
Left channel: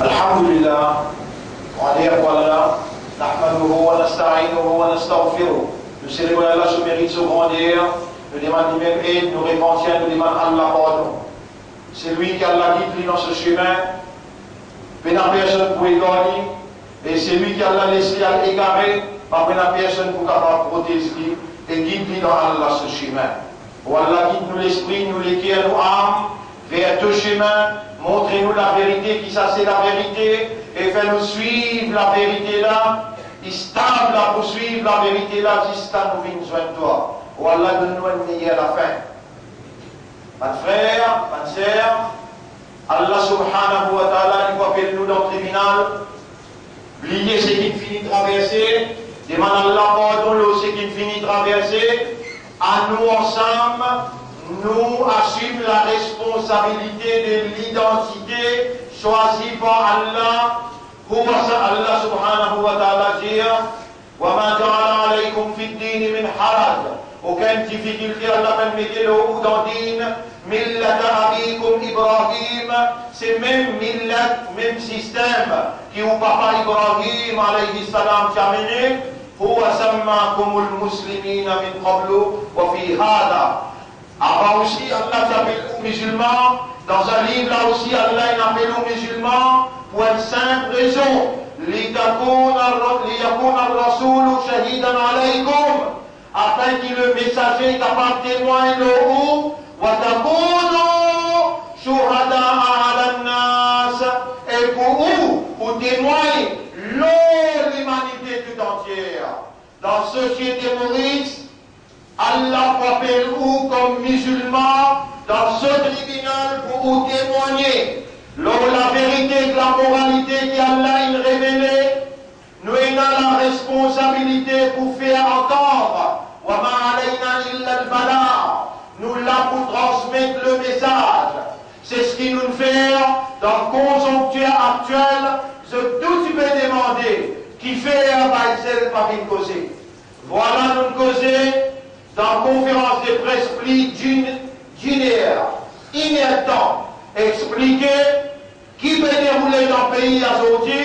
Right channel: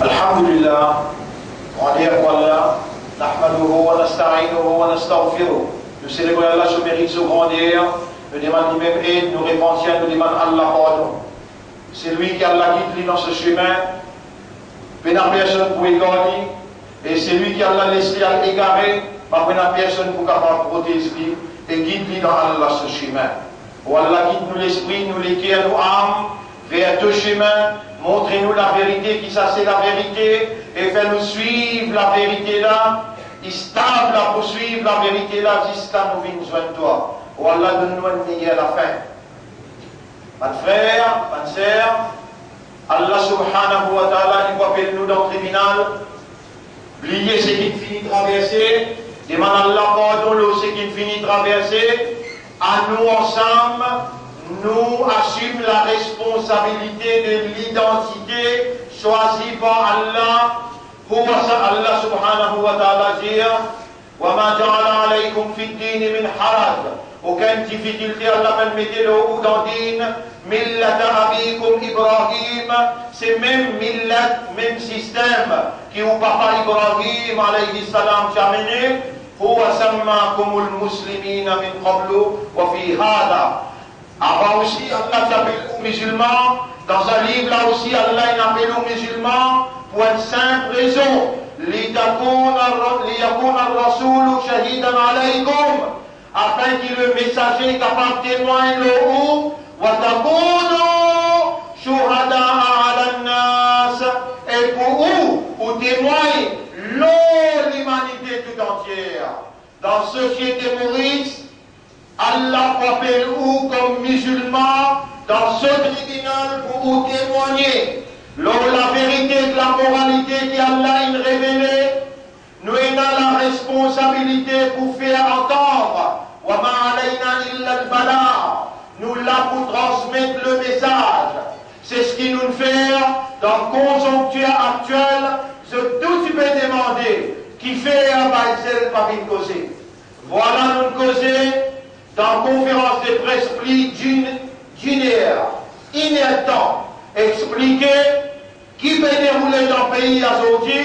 Alhamdulillah, on dit voilà, nahmaduhu wa nasta'inuhu wa nastaghfiruh. Nous célébrons Allah sous mérite, sous grandeur, nous demandons même aide, nous répentons, nous demandons Allah pardon. C'est lui qui a la guide dans ce chemin, mais personne pour égarer, et c'est lui qui a la laissé à égarer, mais personne pour capable protéger et guide dans Allah ce chemin. Pour Allah guide nous l'esprit, nous l'éclaire, nous âmes, vers deux chemins. Montrez-nous la vérité, qui ça c'est la vérité, et faites-nous suivre la vérité là, stable à poursuivre la vérité là, jusqu'à nous venir besoin de toi. Oh Allah, donne-nous un meilleur à la fin. Mes frères, mes sœurs, Allah subhanahu wa ta'ala, il va appeler nous dans le tribunal, oubliez ce qui finit de traverser, demande Allah pardon, ce qui finit de traverser, à nous ensemble. Nous assumons la responsabilité de l'identité choisie par Allah. Allah subhanahu wa ta'ala dit وَمَا جَعَلَ عَلَيْكُمْ فِي الدِّينِ مِنْ حَرَجٍ. Aucune difficulté, Allah même mettez-le au dans din. Millata abikum Ibrahim, c'est même millat, même système qui au papa Ibrahim alayhi salam qui a mené. هُوَ سَمَّاكُمُ الْمُسْلِمِينَ مِنْ قَبْلُ وَفِي هَذَا. Avant aussi, Allah t'appelle aux musulmans. Dans un livre, là aussi, Allah appelle aux musulmans pour une simple raison. لِيَكُونَ الرَّسُولُ شَهِيدًا عَلَيْكُمْ. Afin que le messager capable de témoigner le haut. وَتَكُونُوا شُهَدَاءَ عَلَى النَّاسِ. Et pour vous, pour témoigner l'humanité tout entière. Dans la société Maurice, Allah appelle vous comme musulmans dans ce tribunal pour vous témoigner. Lors la vérité de la moralité qu'Allah a révélée, nous avons la responsabilité pour faire entendre. Nous là pour transmettre le message. C'est ce qui nous fait dans la conjoncture actuelle. Je tout tu peux demander qui fait un bail par une causée. Voilà nous causer. Dans la conférence de presse d'une heure, inédant, expliquer qui peut dérouler dans le pays aujourd'hui,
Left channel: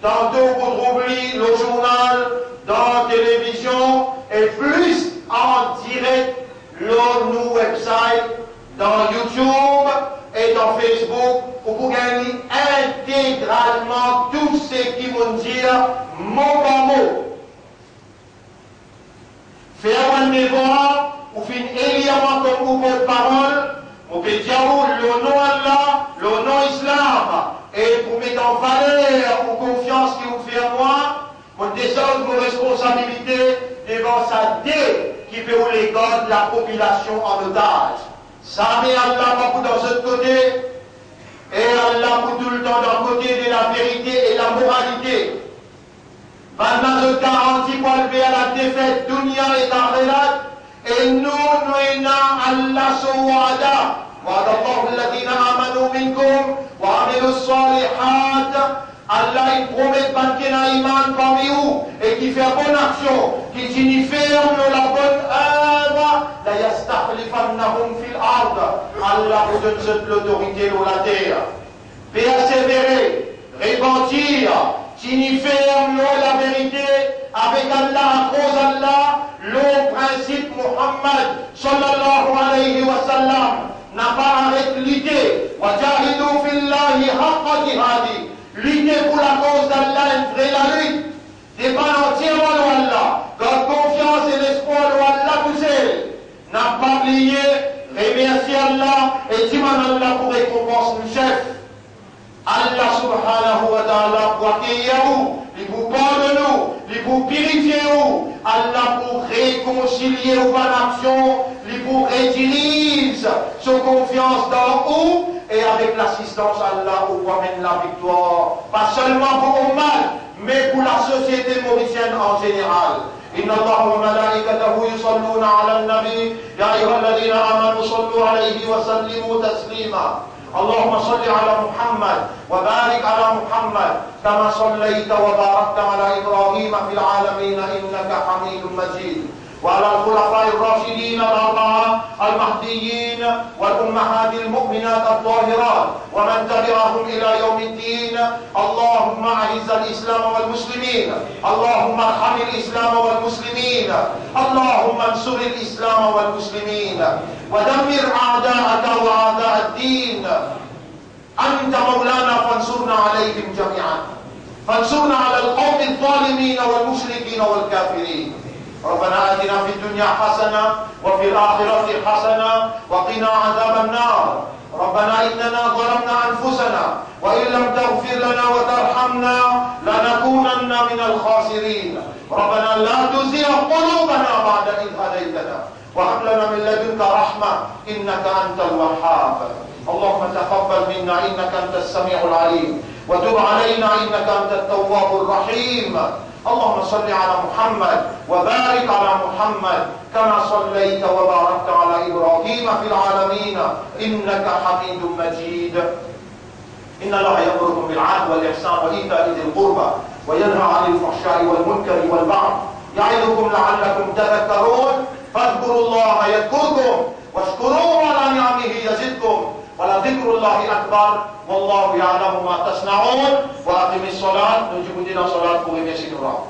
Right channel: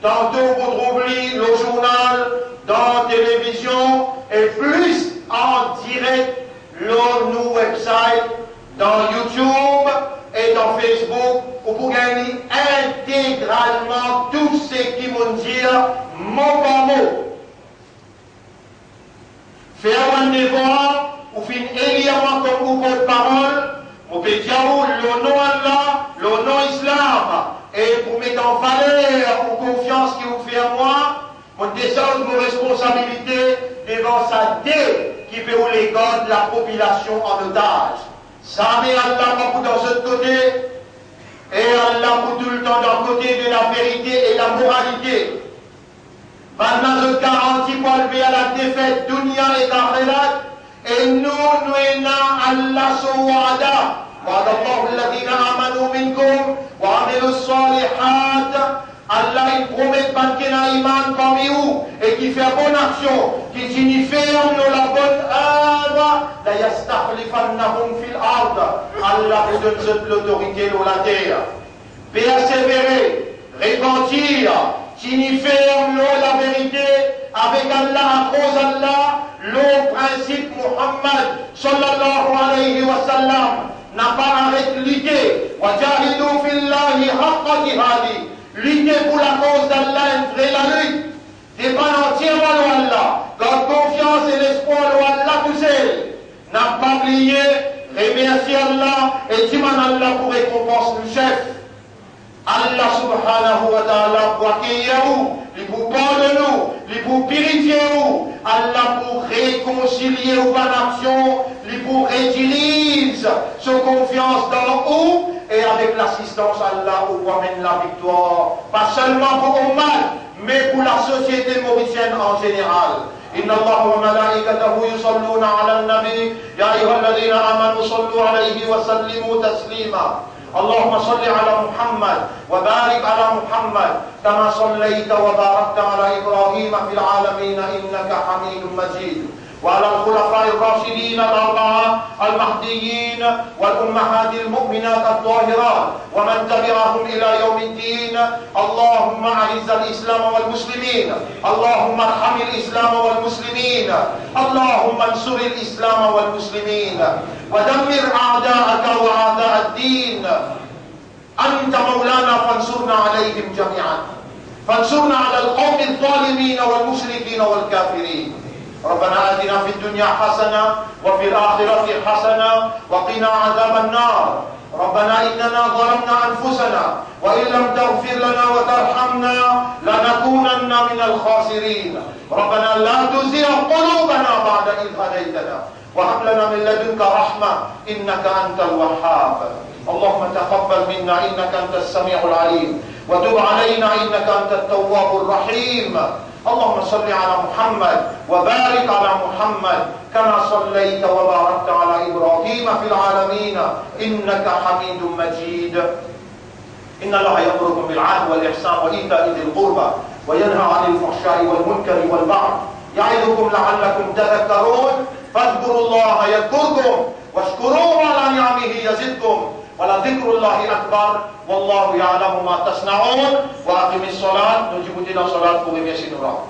tantôt vous trouverez le journal, dans la télévision, et plus en direct, nos websites, dans YouTube et dans Facebook, où vous gagnez intégralement tout ce qui vont dire mot par mot. Faire un devoir, ou faire également comme vous votre parole, vous pouvez dire le nom Allah, le nom Islam, et pour mettre en valeur ou confiance qui vous fait à moi, vous descendez vos responsabilités. la population en otage. Ça met Allah beaucoup dans ce côté, et Allah pour tout le temps d'un côté de la vérité et la moralité. Maintenant, je garantis pour lever à la défaite, dunya et akhirat, et nous, Allah sawada. وعد الله الذين آمنوا منكم وعملوا الصالحات. Allah il promet qu'il y a un iman parmi vous et qui fait bonne action, qui signifie la bonne œuvre. La yastakhlifannahum fil ard. Allah vous donne l'autorité dans la terre. Persévérer, repentir, signifier la vérité avec Allah, à cause d'Allah, le principe Muhammad sallallahu alayhi wa sallam n'a pas arrêté de lutter. Wajahidu fillahi haqqa jihadi. Lutter pour la cause d'Allah, vrai la lutte. Dépend entièrement de Allah. Quand confiance et l'espoir de Allah poussé. N'a pas oublié, remercier Allah et dire Allah pour récompense le chef. Allah subhanahu wa ta'ala pour accueillir vous, il vous pardonne nous, il vous purifier vous, Allah pour réconcilier vos actions, il vous réutilise sa confiance dans vous et avec l'assistance Allah vous amène la victoire, pas seulement pour Oman, mais pour la société mauricienne en général. إن الله وملائكته يصلون على النبي يا أيها الذين آمنوا صلوا عليه وسلموا تسليما اللهم صل على محمد وبارك على محمد كما صليت وباركت على إبراهيم في العالمين إنك حميد مجيد وعلى الخلفاء الراشدين الأربعة المهديين والأمهات المؤمنات الطاهرات ومن تبعهم إلى يوم الدين اللهم أعز الإسلام والمسلمين اللهم ارحم الإسلام والمسلمين اللهم انصر الإسلام والمسلمين ودمر أعداءك وأعداء الدين أنت مولانا فانصرنا عليهم جميعا فانصرنا على القوم الظالمين والمشركين والكافرين ربنا آتنا في الدنيا حسنة وفي الآخرة حسنة وقنا عذاب النار ربنا إننا ظلمنا أنفسنا وإن لم تغفر لنا وترحمنا لنكونن من الخاسرين ربنا لا تزغ قلوبنا بعد إذ هديتنا وهب لنا من لدنك رحمة إنك أنت الوهاب اللهم تقبل منا إنك أنت السميع العليم وتب علينا إنك أنت التواب الرحيم اللهم صل على محمد وبارك على محمد كما صليت وباركت على إبراهيم في العالمين إنك حميد مجيد إن الله يأمركم بالعدل والإحسان وإيتاء ذي القربى وينهى عن الفحشاء والمنكر والبغي يعظكم لعلكم تذكرون فاذكروا الله يذكركم واشكروه على نعمه يزدكم ولذكر الله أكبر والله يعلم ما تصنعون وأقم الصلاة نجيب دينا صلاة قوم يسين الله